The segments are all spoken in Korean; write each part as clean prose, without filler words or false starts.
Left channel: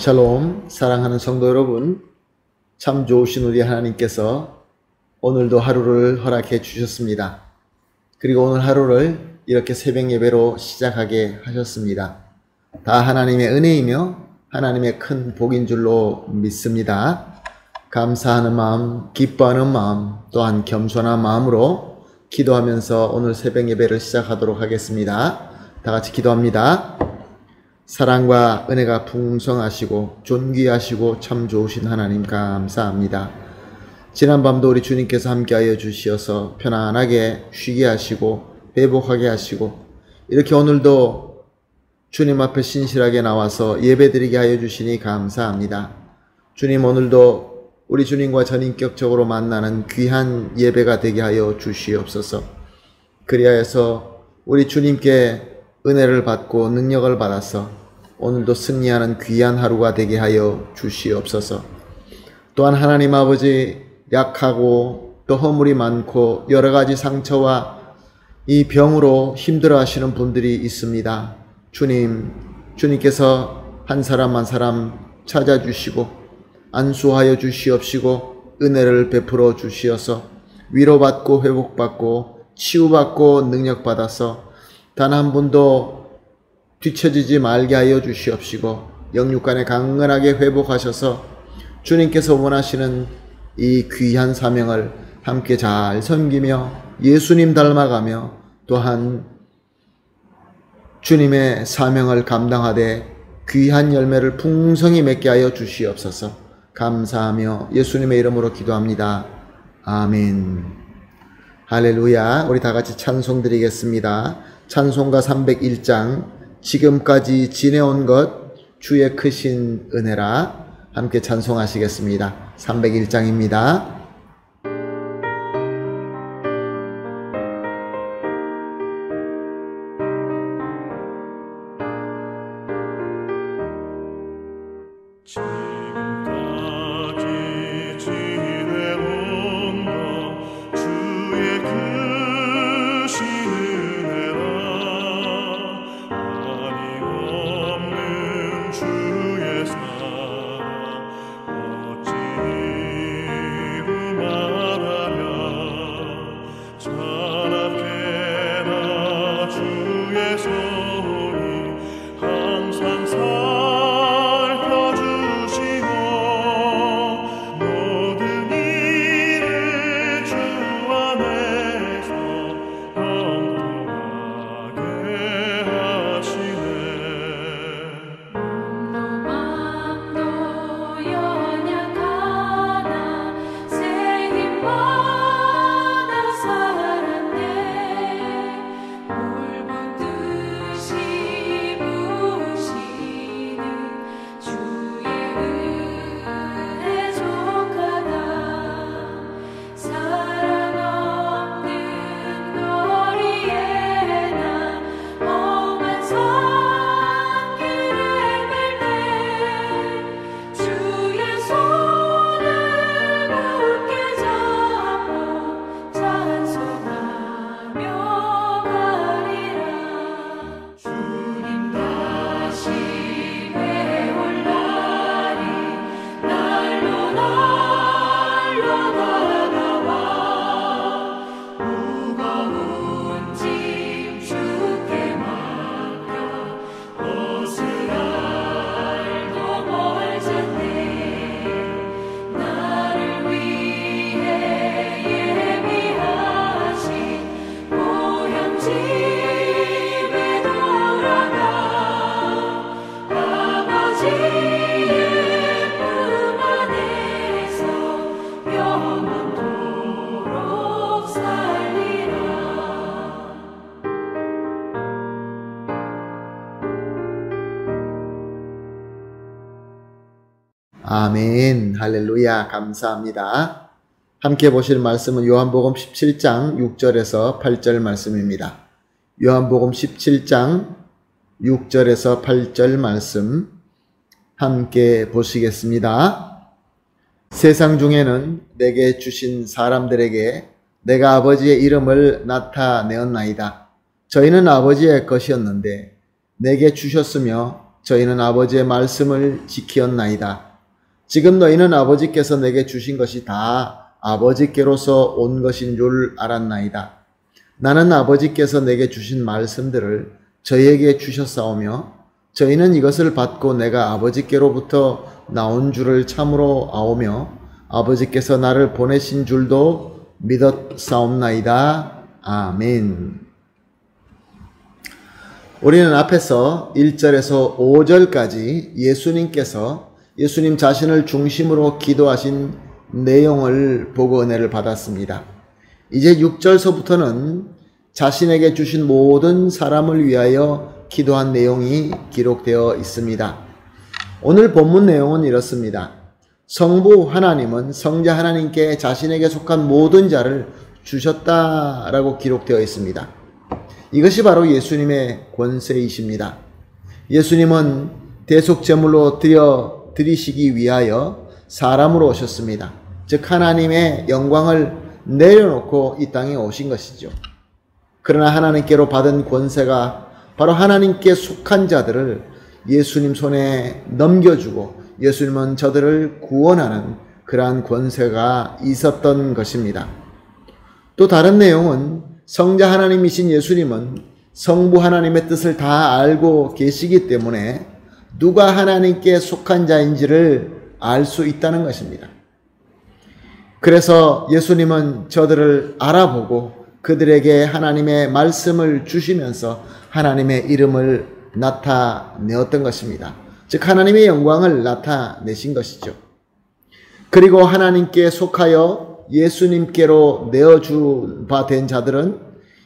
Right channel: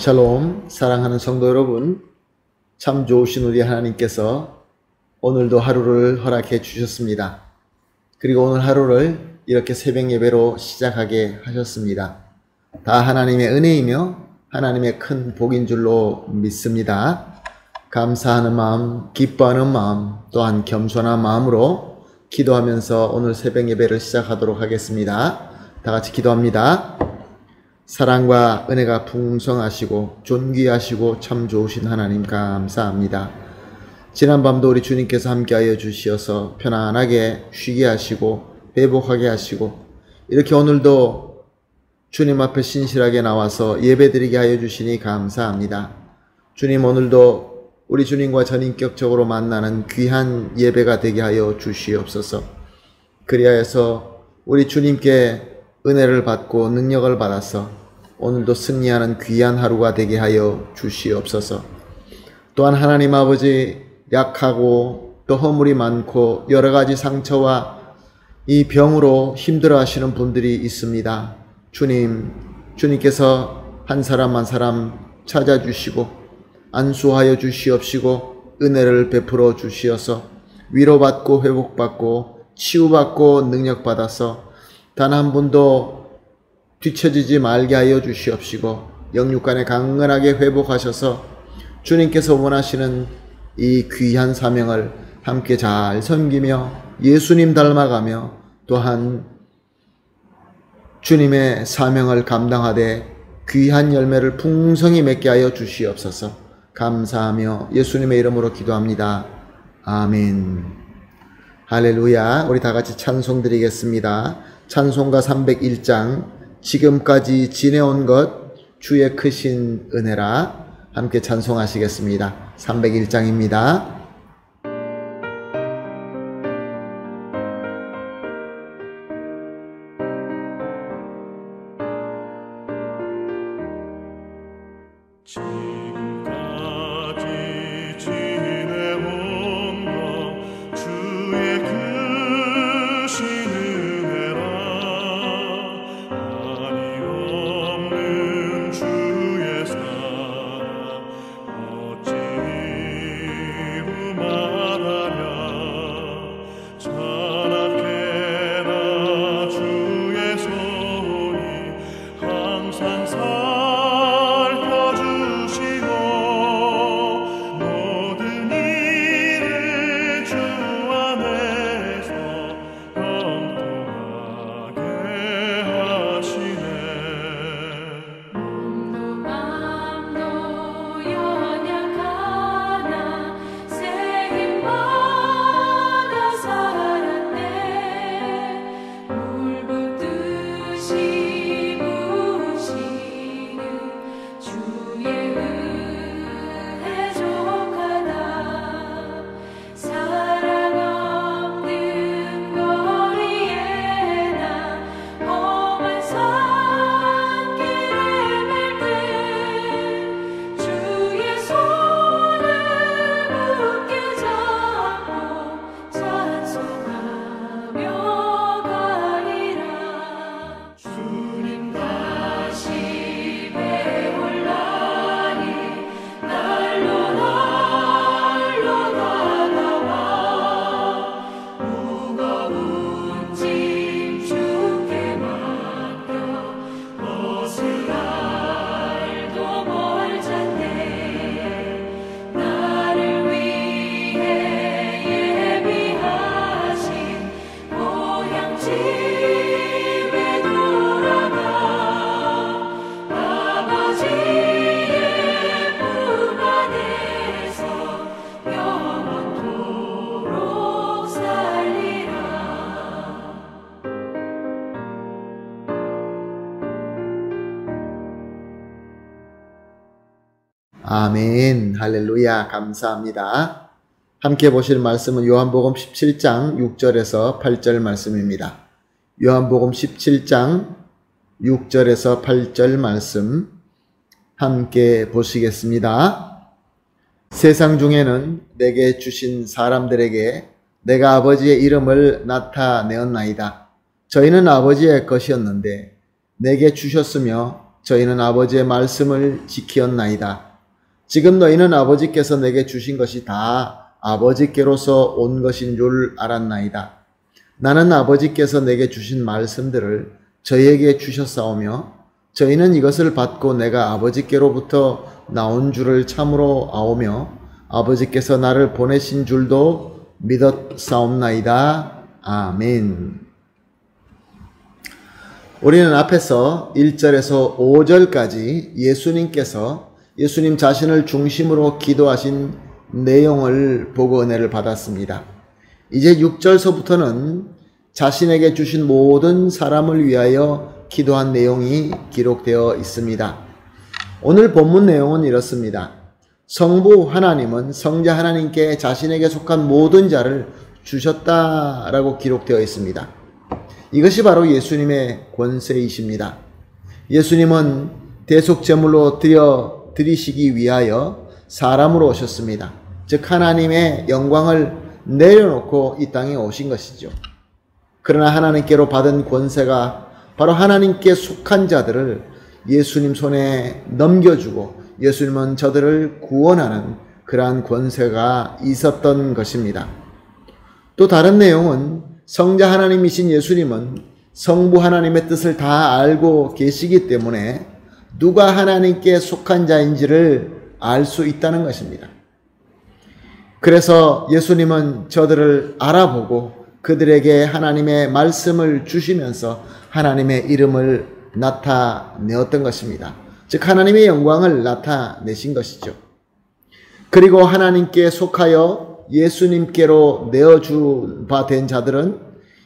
샬롬, 사랑하는 성도 여러분, 참 좋으신 우리 하나님께서 오늘도 하루를 허락해 주셨습니다. 그리고 오늘 하루를 이렇게 새벽 예배로 시작하게 하셨습니다. 다 하나님의 은혜이며 하나님의 큰 복인 줄로 믿습니다. 감사하는 마음, 기뻐하는 마음, 또한 겸손한 마음으로 기도하면서 오늘 새벽 예배를 시작하도록 하겠습니다. 다 같이 기도합니다. 사랑과 은혜가 풍성하시고 존귀하시고 참 좋으신 하나님 감사합니다. 지난밤도 우리 주님께서 함께하여 주시어서 편안하게 쉬게 하시고 회복하게 하시고 이렇게 오늘도 주님 앞에 신실하게 나와서 예배드리게 하여 주시니 감사합니다. 주님, 오늘도 우리 주님과 전인격적으로 만나는 귀한 예배가 되게 하여 주시옵소서. 그리하여서 우리 주님께 은혜를 받고 능력을 받아서 오늘도 승리하는 귀한 하루가 되게 하여 주시옵소서. 또한 하나님 아버지, 약하고 또 허물이 많고 여러 가지 상처와 이 병으로 힘들어 하시는 분들이 있습니다. 주님께서 한 사람 한 사람 찾아주시고 안수하여 주시옵시고 은혜를 베풀어 주시어서 위로받고 회복받고 치유받고 능력받아서 단 한 분도 뒤처지지 말게 하여 주시옵시고 영육간에 강건하게 회복하셔서 주님께서 원하시는 이 귀한 사명을 함께 잘 섬기며 예수님 닮아가며 또한 주님의 사명을 감당하되 귀한 열매를 풍성히 맺게 하여 주시옵소서. 감사하며 예수님의 이름으로 기도합니다. 아멘. 할렐루야. 우리 다 같이 찬송 드리겠습니다. 찬송가 301장 지금까지 지내온 것 주의 크신 은혜라 함께 찬송하시겠습니다. 301장입니다. 아멘. 할렐루야. 감사합니다. 함께 보실 말씀은 요한복음 17장 6절에서 8절 말씀입니다. 요한복음 17장 6절에서 8절 말씀 함께 보시겠습니다. 세상 중에는 내게 주신 사람들에게 내가 아버지의 이름을 나타내었나이다. 저희는 아버지의 것이었는데 내게 주셨으며 저희는 아버지의 말씀을 지키었나이다. 지금 너희는 아버지께서 내게 주신 것이 다 아버지께로서 온 것인 줄 알았나이다. 나는 아버지께서 내게 주신 말씀들을 저희에게 주셨사오며 저희는 이것을 받고 내가 아버지께로부터 나온 줄을 참으로 아오며 아버지께서 나를 보내신 줄도 믿었사옵나이다. 아멘. 우리는 앞에서 1절에서 5절까지 예수님 자신을 중심으로 기도하신 내용을 보고 은혜를 받았습니다. 이제 6절서부터는 자신에게 주신 모든 사람을 위하여 기도한 내용이 기록되어 있습니다. 오늘 본문 내용은 이렇습니다. 성부 하나님은 성자 하나님께 자신에게 속한 모든 자를 주셨다라고 기록되어 있습니다. 이것이 바로 예수님의 권세이십니다. 예수님은 대속제물로 드리시기 위하여 사람으로 오셨습니다. 즉 하나님의 영광을 내려놓고 이 땅에 오신 것이죠. 그러나 하나님께로 받은 권세가 바로 하나님께 속한 자들을 예수님 손에 넘겨주고 예수님은 저들을 구원하는 그러한 권세가 있었던 것입니다. 또 다른 내용은 성자 하나님이신 예수님은 성부 하나님의 뜻을 다 알고 계시기 때문에 누가 하나님께 속한 자인지를 알 수 있다는 것입니다. 그래서 예수님은 저들을 알아보고 그들에게 하나님의 말씀을 주시면서 하나님의 이름을 나타내었던 것입니다. 즉 하나님의 영광을 나타내신 것이죠. 그리고 하나님께 속하여 예수님께로 내어준 바 된 자들은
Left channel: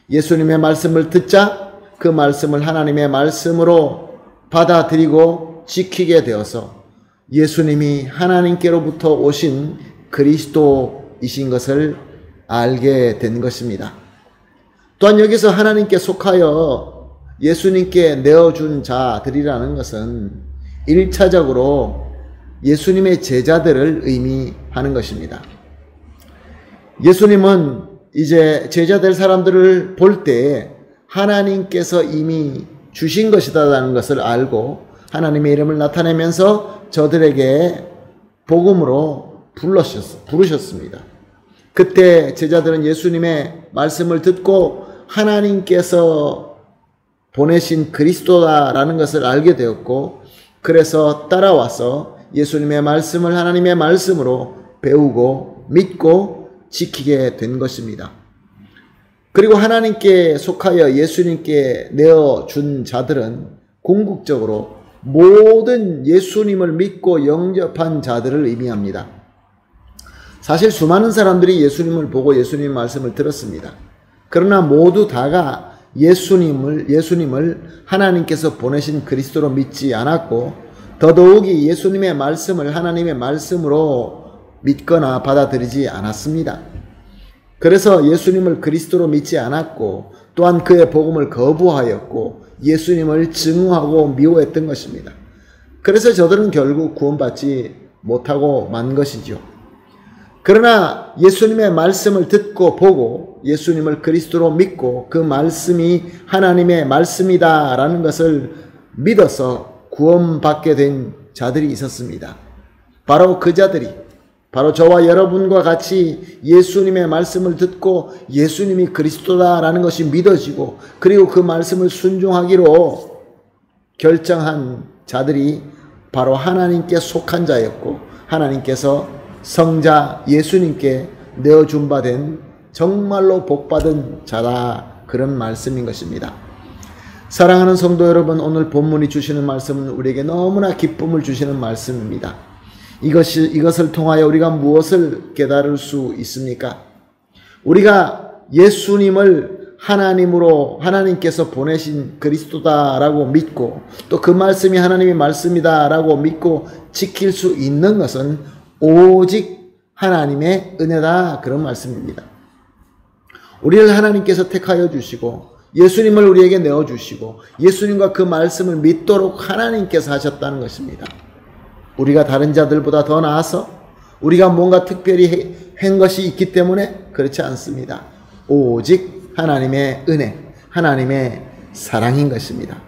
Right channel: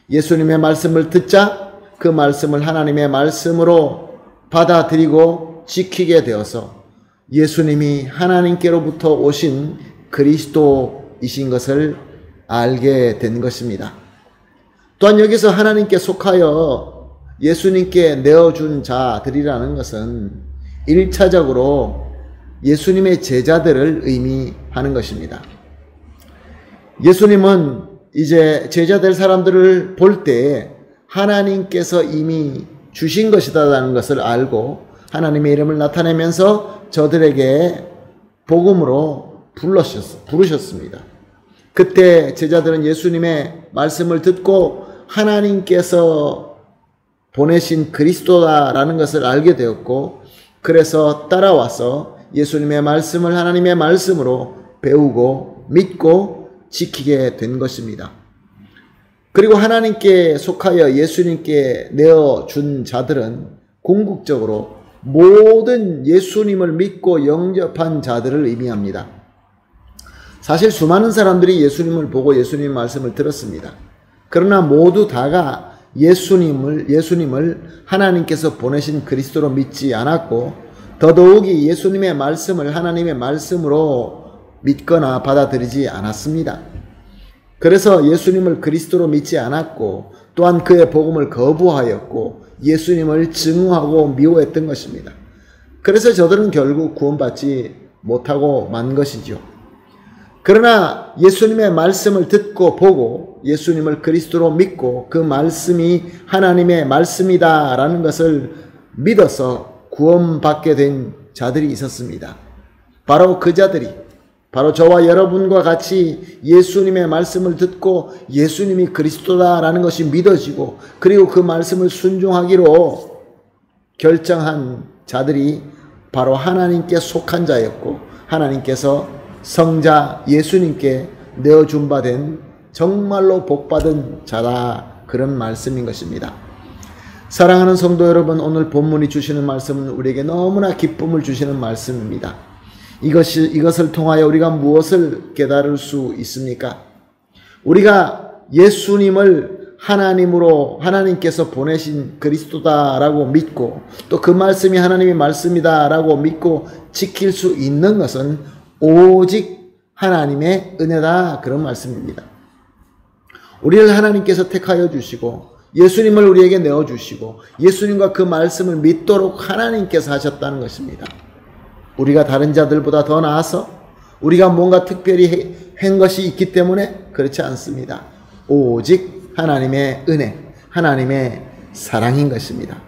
예수님의 말씀을 듣자 그 말씀을 하나님의 말씀으로 받아들이고 지키게 되어서 예수님이 하나님께로부터 오신 그리스도이신 것을 알게 된 것입니다. 또한 여기서 하나님께 속하여 예수님께 내어준 자들이라는 것은 1차적으로 예수님의 제자들을 의미하는 것입니다. 예수님은 이제 제자될 사람들을 볼 때 하나님께서 이미 주신 것이다라는 것을 알고 하나님의 이름을 나타내면서 저들에게 복음으로 부르셨습니다. 그때 제자들은 예수님의 말씀을 듣고 하나님께서 보내신 그리스도다라는 것을 알게 되었고 그래서 따라와서 예수님의 말씀을 하나님의 말씀으로 배우고 믿고 지키게 된 것입니다. 그리고 하나님께 속하여 예수님께 내어준 자들은 궁극적으로 모든 예수님을 믿고 영접한 자들을 의미합니다. 사실 수많은 사람들이 예수님을 보고 예수님의 말씀을 들었습니다. 그러나 모두 다가 예수님을 하나님께서 보내신 그리스도로 믿지 않았고 더더욱이 예수님의 말씀을 하나님의 말씀으로 믿거나 받아들이지 않았습니다. 그래서 예수님을 그리스도로 믿지 않았고 또한 그의 복음을 거부하였고 예수님을 증오하고 미워했던 것입니다. 그래서 저들은 결국 구원받지 못하고 만 것이죠. 그러나 예수님의 말씀을 듣고 보고 예수님을 그리스도로 믿고 그 말씀이 하나님의 말씀이다라는 것을 믿어서 구원받게 된 자들이 있었습니다. 바로 그 자들이 바로 저와 여러분과 같이 예수님의 말씀을 듣고 예수님이 그리스도다라는 것이 믿어지고 그리고 그 말씀을 순종하기로 결정한 자들이 바로 하나님께 속한 자였고 하나님께서 성자 예수님께 내어준 바 된 정말로 복받은 자다 그런 말씀인 것입니다. 사랑하는 성도 여러분, 오늘 본문이 주시는 말씀은 우리에게 너무나 기쁨을 주시는 말씀입니다. 이것을 통하여 우리가 무엇을 깨달을 수 있습니까? 우리가 예수님을 하나님께서 보내신 그리스도다라고 믿고 또 그 말씀이 하나님의 말씀이다라고 믿고 지킬 수 있는 것은 오직 하나님의 은혜다 그런 말씀입니다. 우리를 하나님께서 택하여 주시고 예수님을 우리에게 내어주시고 예수님과 그 말씀을 믿도록 하나님께서 하셨다는 것입니다. 우리가 다른 자들보다 더 나아서 우리가 뭔가 특별히 한 것이 있기 때문에 그렇지 않습니다. 오직 하나님의 은혜, 하나님의 사랑인 것입니다.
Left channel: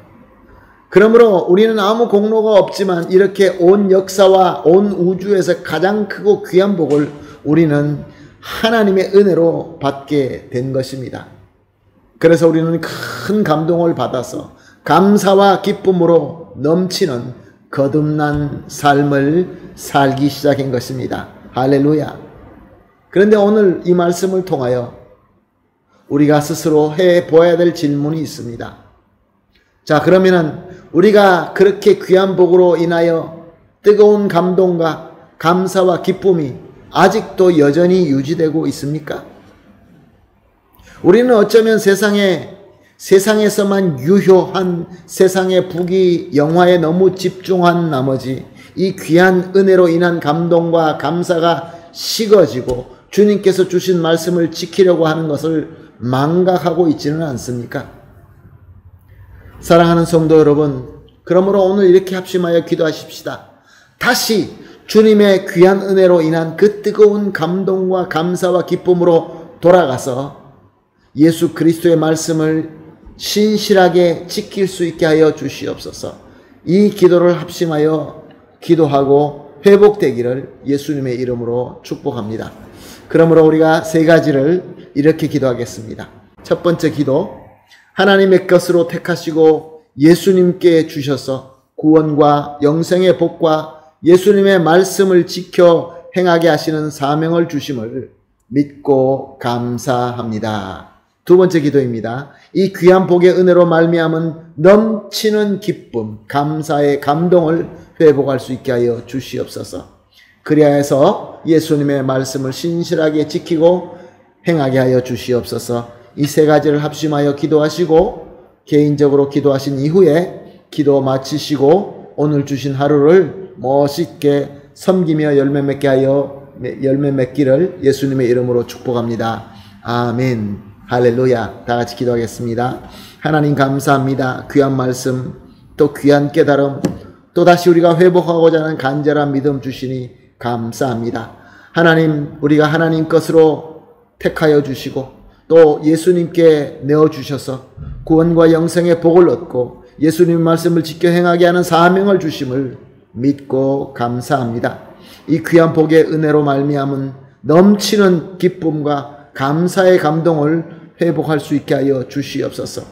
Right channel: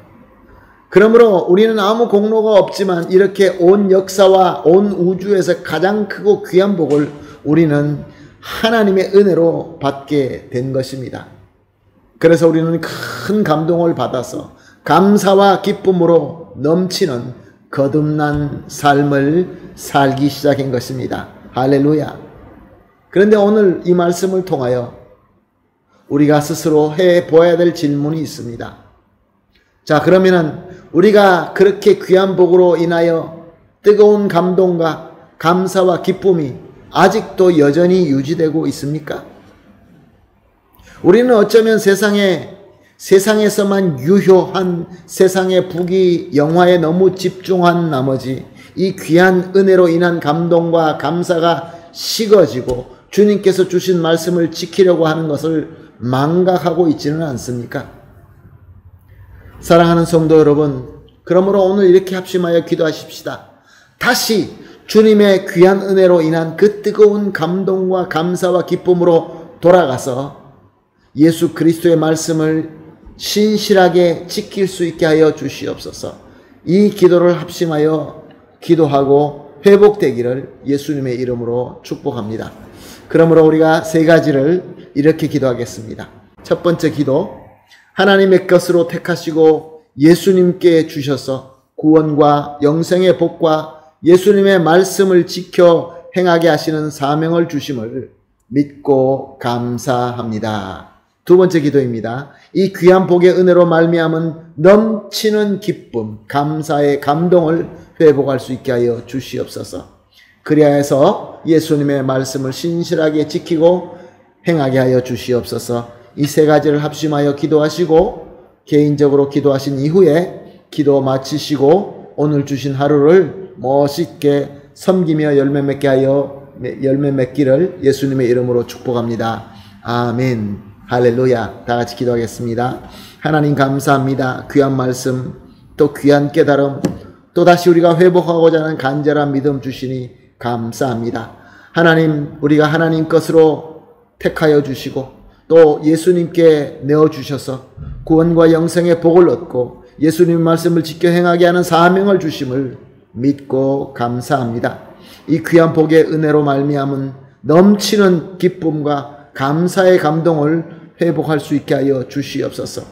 그러므로 우리는 아무 공로가 없지만 이렇게 온 역사와 온 우주에서 가장 크고 귀한 복을 우리는 하나님의 은혜로 받게 된 것입니다. 그래서 우리는 큰 감동을 받아서 감사와 기쁨으로 넘치는 거듭난 삶을 살기 시작한 것입니다. 할렐루야. 그런데 오늘 이 말씀을 통하여 우리가 스스로 해보아야 될 질문이 있습니다. 자, 그러면은 우리가 그렇게 귀한 복으로 인하여 뜨거운 감동과 감사와 기쁨이 아직도 여전히 유지되고 있습니까? 우리는 어쩌면 세상에서만 유효한 세상의 부귀 영화에 너무 집중한 나머지 이 귀한 은혜로 인한 감동과 감사가 식어지고 주님께서 주신 말씀을 지키려고 하는 것을 망각하고 있지는 않습니까? 사랑하는 성도 여러분, 그러므로 오늘 이렇게 합심하여 기도하십시다. 다시 주님의 귀한 은혜로 인한 그 뜨거운 감동과 감사와 기쁨으로 돌아가서 예수 그리스도의 말씀을 신실하게 지킬 수 있게 하여 주시옵소서. 이 기도를 합심하여 기도하고 회복되기를 예수님의 이름으로 축복합니다. 그러므로 우리가 세 가지를 이렇게 기도하겠습니다. 첫 번째 기도, 하나님의 것으로 택하시고 예수님께 주셔서 구원과 영생의 복과 예수님의 말씀을 지켜 행하게 하시는 사명을 주심을 믿고 감사합니다. 두 번째 기도입니다. 이 귀한 복의 은혜로 말미암은 넘치는 기쁨, 감사의 감동을 회복할 수 있게 하여 주시옵소서. 그리하여서 예수님의 말씀을 신실하게 지키고 행하게 하여 주시옵소서. 이 세 가지를 합심하여 기도하시고 개인적으로 기도하신 이후에 기도 마치시고 오늘 주신 하루를 멋있게 섬기며 열매 맺기를 예수님의 이름으로 축복합니다. 아멘. 할렐루야. 다 같이 기도하겠습니다. 하나님 감사합니다. 귀한 말씀, 또 귀한 깨달음, 또 다시 우리가 회복하고자 하는 간절한 믿음 주시니 감사합니다. 하나님, 우리가 하나님 것으로 택하여 주시고 또 예수님께 내어주셔서 구원과 영생의 복을 얻고 예수님 말씀을 지켜 행하게 하는 사명을 주심을 믿고 감사합니다. 이 귀한 복의 은혜로 말미암은 넘치는 기쁨과 감사의 감동을 회복할 수 있게 하여 주시옵소서.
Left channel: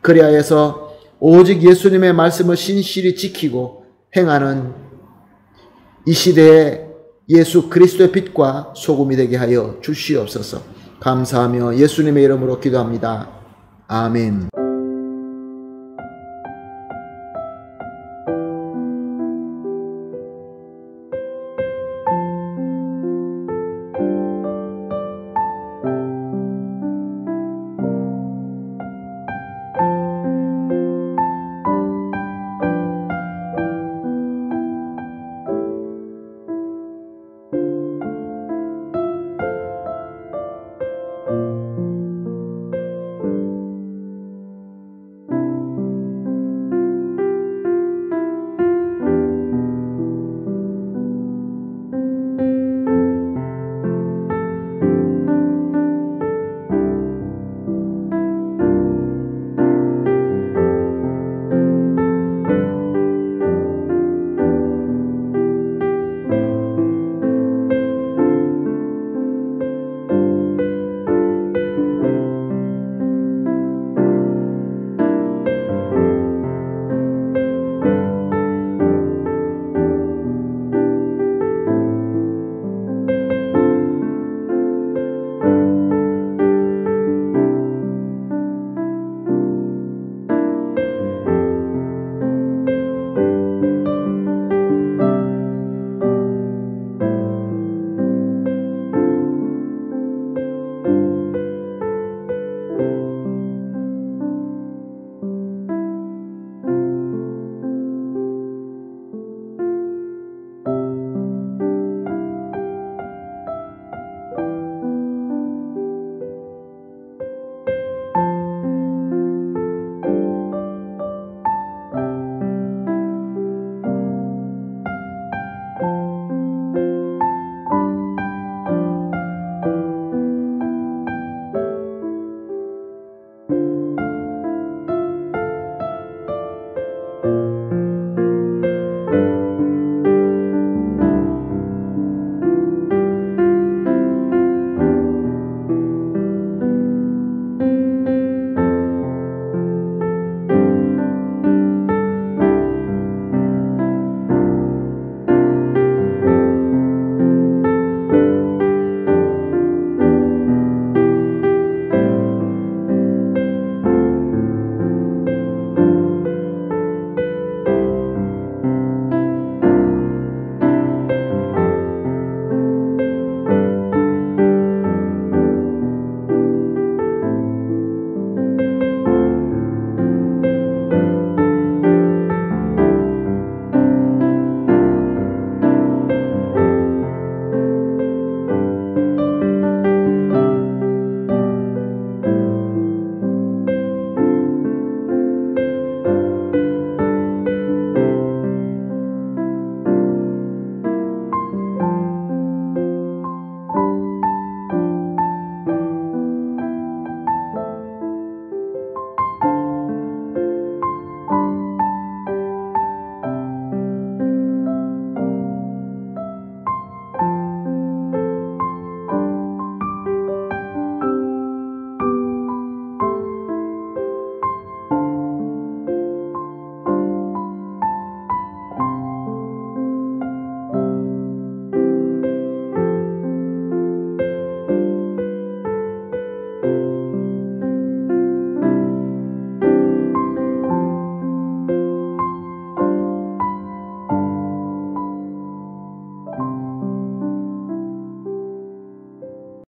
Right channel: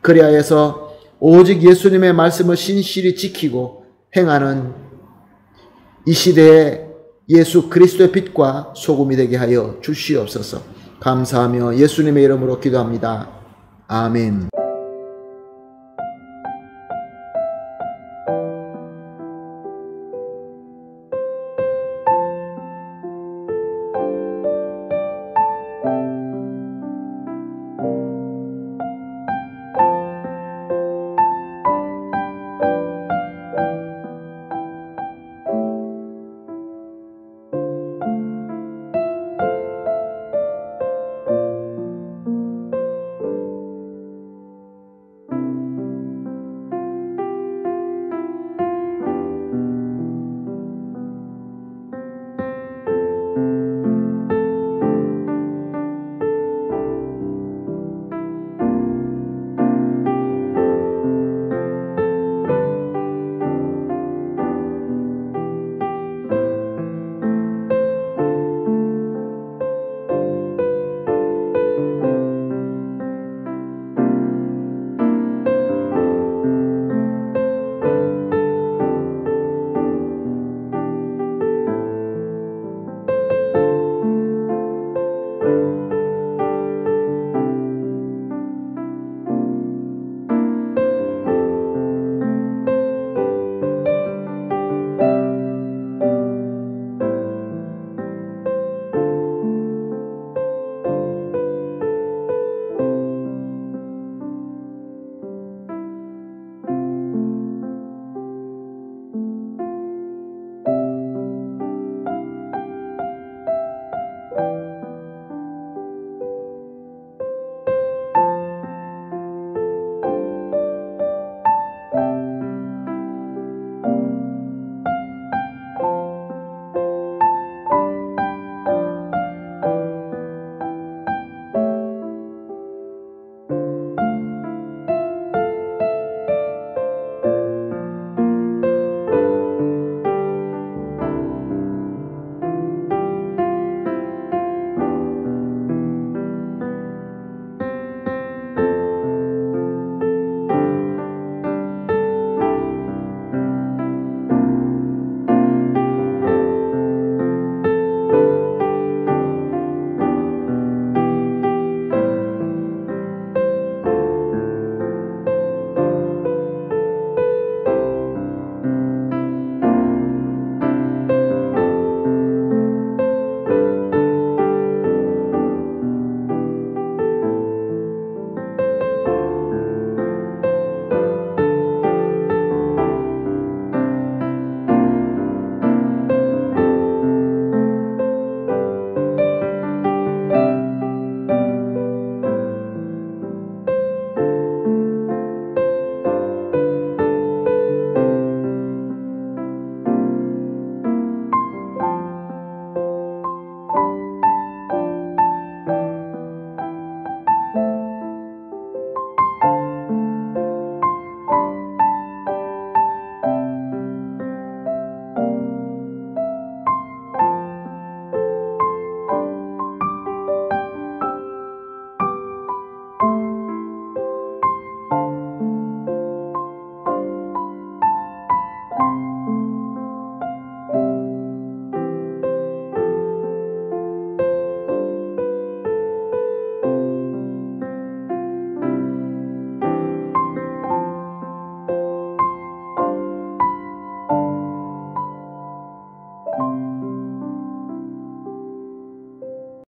그리하여서 오직 예수님의 말씀을 신실히 지키고 행하는 이 시대에 예수 그리스도의 빛과 소금이 되게 하여 주시옵소서. 감사하며 예수님의 이름으로 기도합니다. 아멘.